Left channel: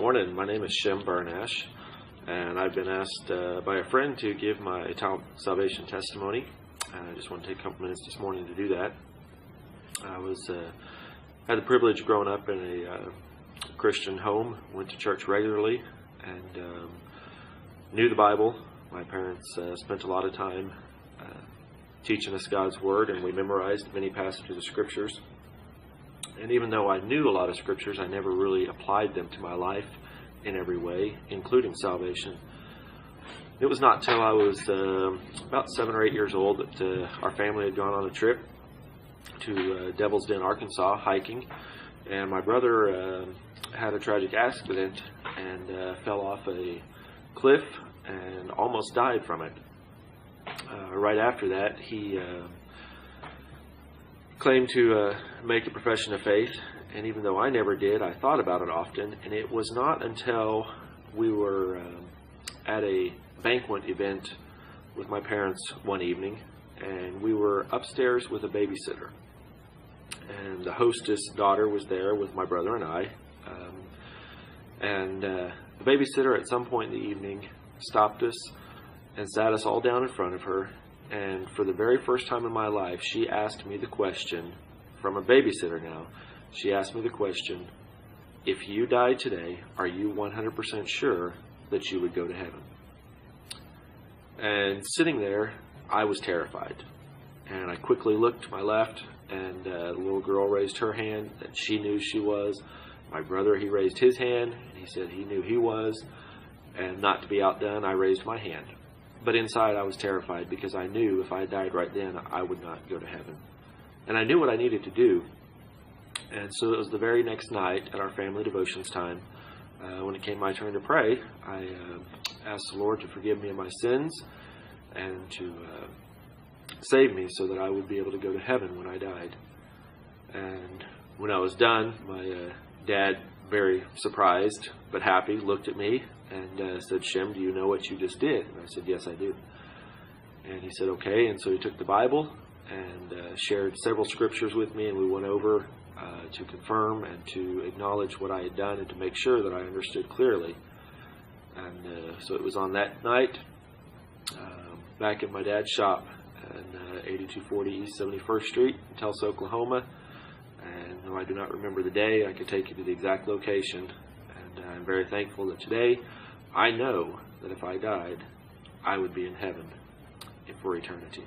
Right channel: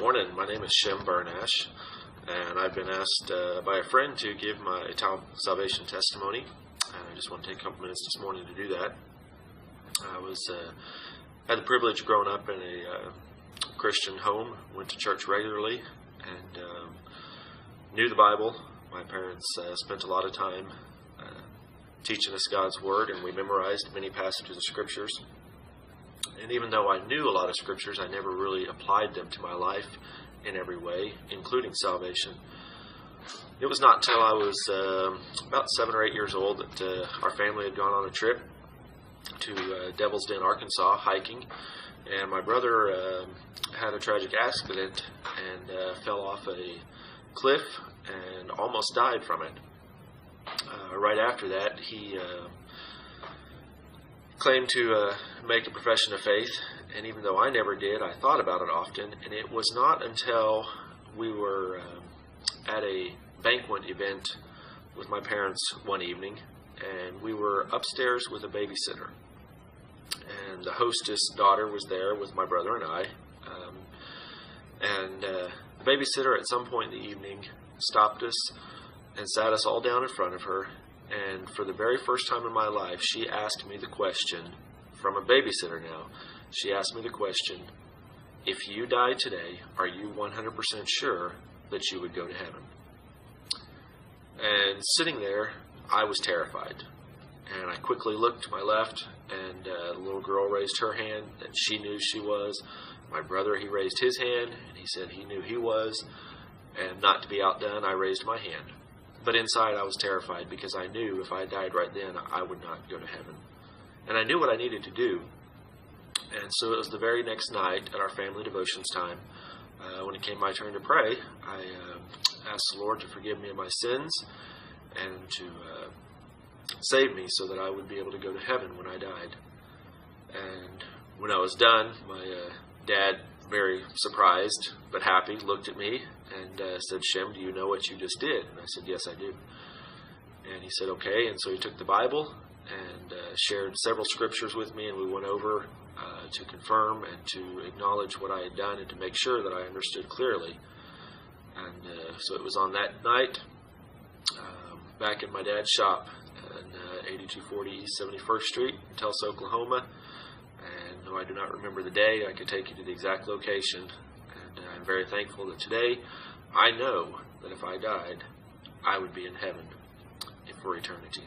Morning, my name is Shem, and I've been asked by a friend to give my salvation testimony. I just want to take a couple minutes this morning to do that. I had the privilege of growing up in a Christian home, went to church regularly, and knew the Bible. My parents spent a lot of time teaching us God's Word, and we memorized many passages of Scriptures. And even though I knew a lot of Scriptures, I never really applied them to my life in every way, including salvation. It was not until I was about 7 or 8 years old that our family had gone on a trip to Devil's Den, Arkansas, hiking. And my brother had a tragic accident and fell off a cliff and almost died from it. Right after that, he claimed to make a profession of faith, and even though I never did, I thought about it often. And it was not until we were at a banquet event with my parents one evening, and we were upstairs with a babysitter, and the hostess' daughter was there with my brother and I, and the babysitter at some point in the evening stopped us and sat us all down in front of her. And for the very first time in my life, she asked me the question, from a babysitter now, she asked me the question, if you died today, are you 100% sure that you would go to heaven? And sitting there, I was terrified. And I quickly looked to my left, and the little girl raised her hand, and she knew she was. My brother, he raised his hand, and he said he knew he was. And not to be outdone, I raised my hand. But inside I was terrified because I knew if I died right then, I would not go to heaven. And I knew what I needed to do. And so it was the very next night at our family devotions time, when it came my turn to pray, I asked the Lord to forgive me of my sins and to save me so that I would be able to go to heaven when I died. And when I was done, my dad, very surprised but happy, looked at me and said, "Shem, do you know what you just did?" And I said, "Yes, I do." And he said, "Okay." And so he took the Bible and shared several scriptures with me, and we went over to confirm and to acknowledge what I had done and to make sure that I understood clearly. And so it was on that night, back in my dad's shop in 8240 East 71st Street in Tulsa, Oklahoma. And though I do not remember the day, I could take you to the exact location. And I'm very thankful that today I know that if I died, I would be in heaven for eternity.